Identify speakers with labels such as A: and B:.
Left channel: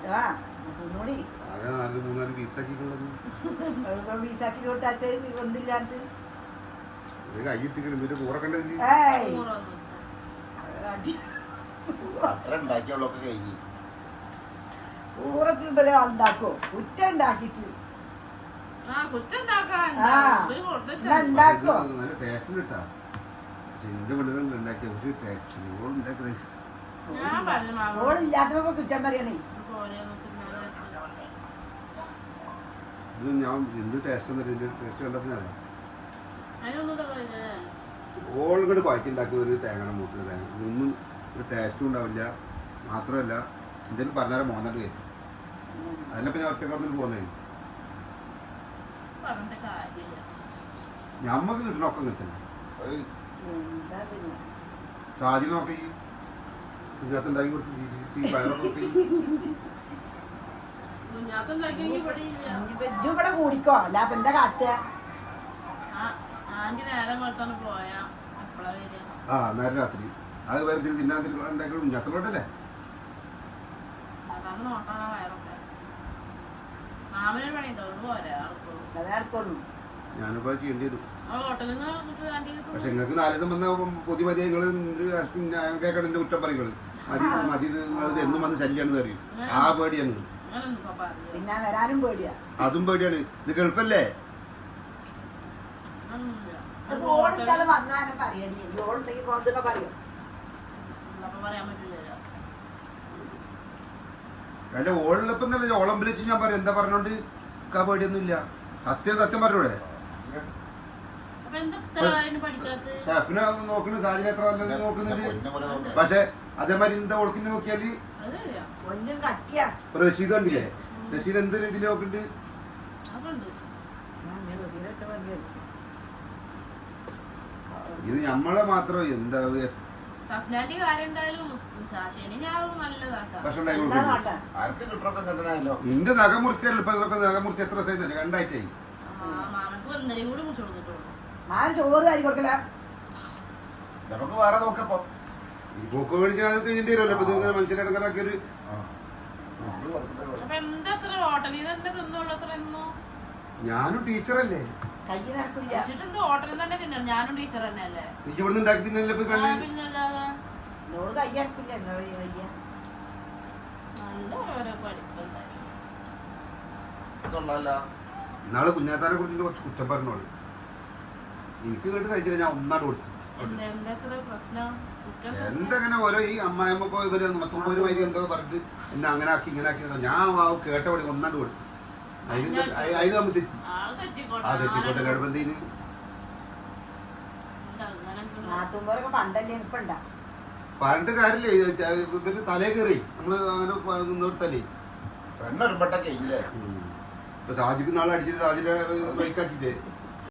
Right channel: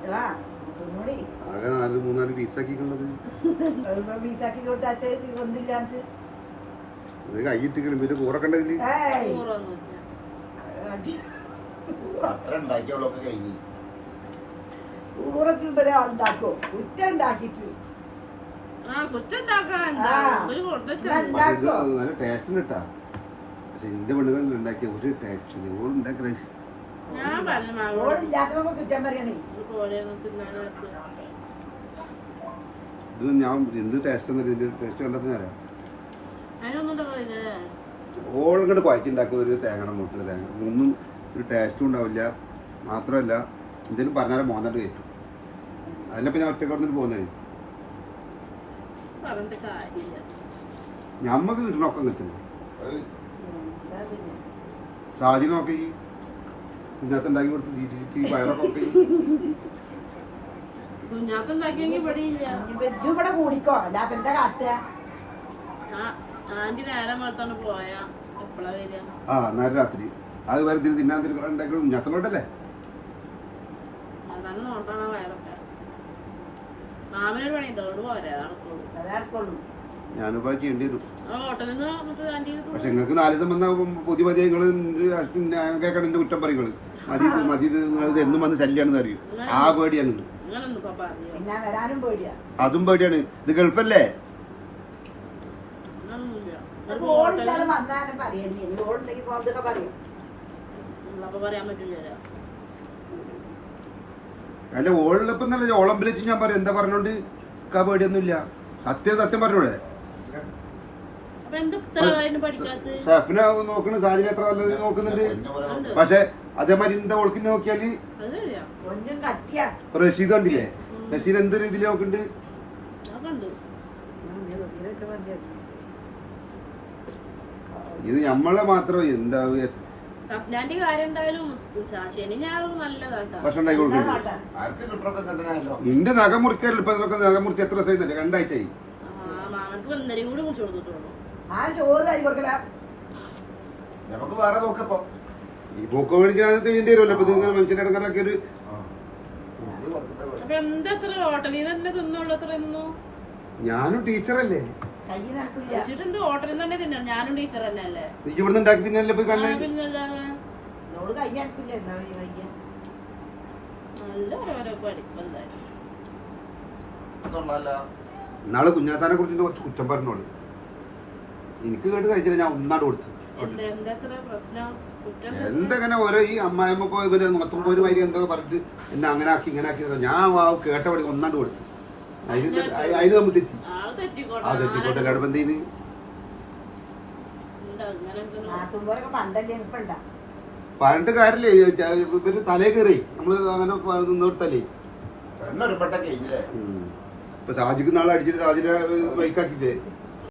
A: ആകെ 4 പീസാക്കിക്കുന്നത് കൈയിട്ടിക്കണം ഇവര് കൂറക്കണ്ടതില് അത്ര ഉണ്ടാക്കിയുള്ളൊക്കെ കഴിഞ്ഞു
B: ഊറത്തിണ്ടല്ലേ ആളുണ്ടാക്കോ കുറ്റ ഉണ്ടാക്കിട്ട്
A: നല്ല ടേസ്റ്റ് കിട്ടാ പക്ഷെ എന്റെ പെണ്ണുകൾ ഉണ്ടാക്കിയ ഒരു ടേസ്റ്റ് ഓളുണ്ടാക്കണേ
B: ഓളില്ലാത്തപ്പോ കുറ്റം പറയണേ
A: ഇത് ഞാൻ എന്ത് ടേസ്റ്റ് എന്നല്ല ഇതിന്റെ ടേസ്റ്റ് കണ്ടപ്പോൾ ഓളിങ്ങോട്ട് കുഴച്ചുണ്ടാക്കുന്ന ഒരു തേങ്ങ മുട്ട തേങ്ങ ഒന്നും ഒരു ടേസ്റ്റും ഉണ്ടാവില്ല മാത്രമല്ല എന്തെങ്കിലും പറഞ്ഞാലും മോനായിട്ട് കയറ്റും അതിനപ്പം ഞാൻ ഒറ്റ പറഞ്ഞിട്ട് പോകുന്നത് ഞമ്മക്ക് കിട്ടണൊക്കെ കിട്ടുന്നു ഷാജി നോക്കി കുഞ്ഞാത്ത ഉണ്ടാക്കി കൊടുത്ത് പയറൊക്കെ
B: ഇവിടെ കൂടിക്കോ അല്ല എന്താ കാട്ടുക
A: ആ നേരെ രാത്രി അത് വരെ തിന്നാൻ ഉണ്ടാക്കി കുഞ്ഞാത്തലോട്ടല്ലേ ഞാനിപ്പോ ചെയ്യേണ്ടി വരും പക്ഷെ നിങ്ങൾക്ക് 4 ദിവസം വന്ന പുതിയ മതി ഞാൻ കേൾക്കണം എന്റെ കുറ്റം പറയുന്നത് മതി നിങ്ങൾ എന്നും വന്ന് ശല്യാണെന്ന് അറിയൂ ആ പേടിയാണ് അതും പേടിയാണ് ഇത് ഗൾഫല്ലേ അല്ല ഓളിപ്പം നല്ല ഓളം വിളിച്ച് ഞാൻ പറയും എന്താ പറഞ്ഞോണ്ട് പേടിയൊന്നും ഇല്ല സത്യം പറഞ്ഞൂടെ ഷെഫിനെ നോക്കണ സാഹചര്യം എത്ര നല്ലത് നോക്കുന്നുണ്ട് പക്ഷെ അതേമാതിരി എന്താ ഓൾക്കിനെ നോക്കിയാല് റഷീദ് കണ്ടില്ലേ റഷീദ് എന്ത് രീതിയിൽ നോക്കുന്നുണ്ട് ഇത് നമ്മളെ മാത്രം എന്താ നിന്റെ നഖം മുറിക്കല്ലോ ഇപ്പൊ നഖം മുറിച്ച് എത്ര ദിവസം 2 ആഴ്ചയായി നമുക്ക് വേറെ നോക്കപ്പോ ഈ ബുക്ക് മേടിക്കാൻ ചെയ്യേണ്ടി വരുമല്ലോ ഇപ്പൊ നിങ്ങൾ മനുഷ്യരെ ഇടങ്ങാറാക്കിയൊരു ഞാനും ടീച്ചറല്ലേ ഇവിടുന്ന് ഉണ്ടാക്കി തിന്നല്ലേ പോയി കണ്ണേ നാളെ കുഞ്ഞാത്താനെ കുറിച്ച് കുറച്ച് കുറ്റം പറഞ്ഞോളൂ എനിക്ക് കേട്ട് കഴിച്ചില്ല ഞാൻ ഒന്നാട് കൊടുത്തു എന്തെങ്ങനെ ഓരോ ഈ അമ്മായിമ്മ ഇവര് നോക്കുമ്പോ ഒരു വൈകി എന്തോ പറഞ്ഞിട്ട് എന്നെ അങ്ങനെ ആക്കി ഇങ്ങനെ ആക്കി ഞാൻ കേട്ടപടി ഒന്നാണ്ട് കൊടുത്തു അതിന് നമ്മൾ തെറ്റി ആ തെറ്റിക്കോട്ടെ കടബന്ധിന് പറഞ്ഞിട്ട് കാര്യല്ലേ ഇവര് തലേ കയറി നമ്മള് അങ്ങനെ നിർത്തല്ലേ ഇപ്പൊ സാജിക്ക് നാളെ അടിച്ചിട്ട് സാജിനെ ബൈക്കാക്കിട്ടേ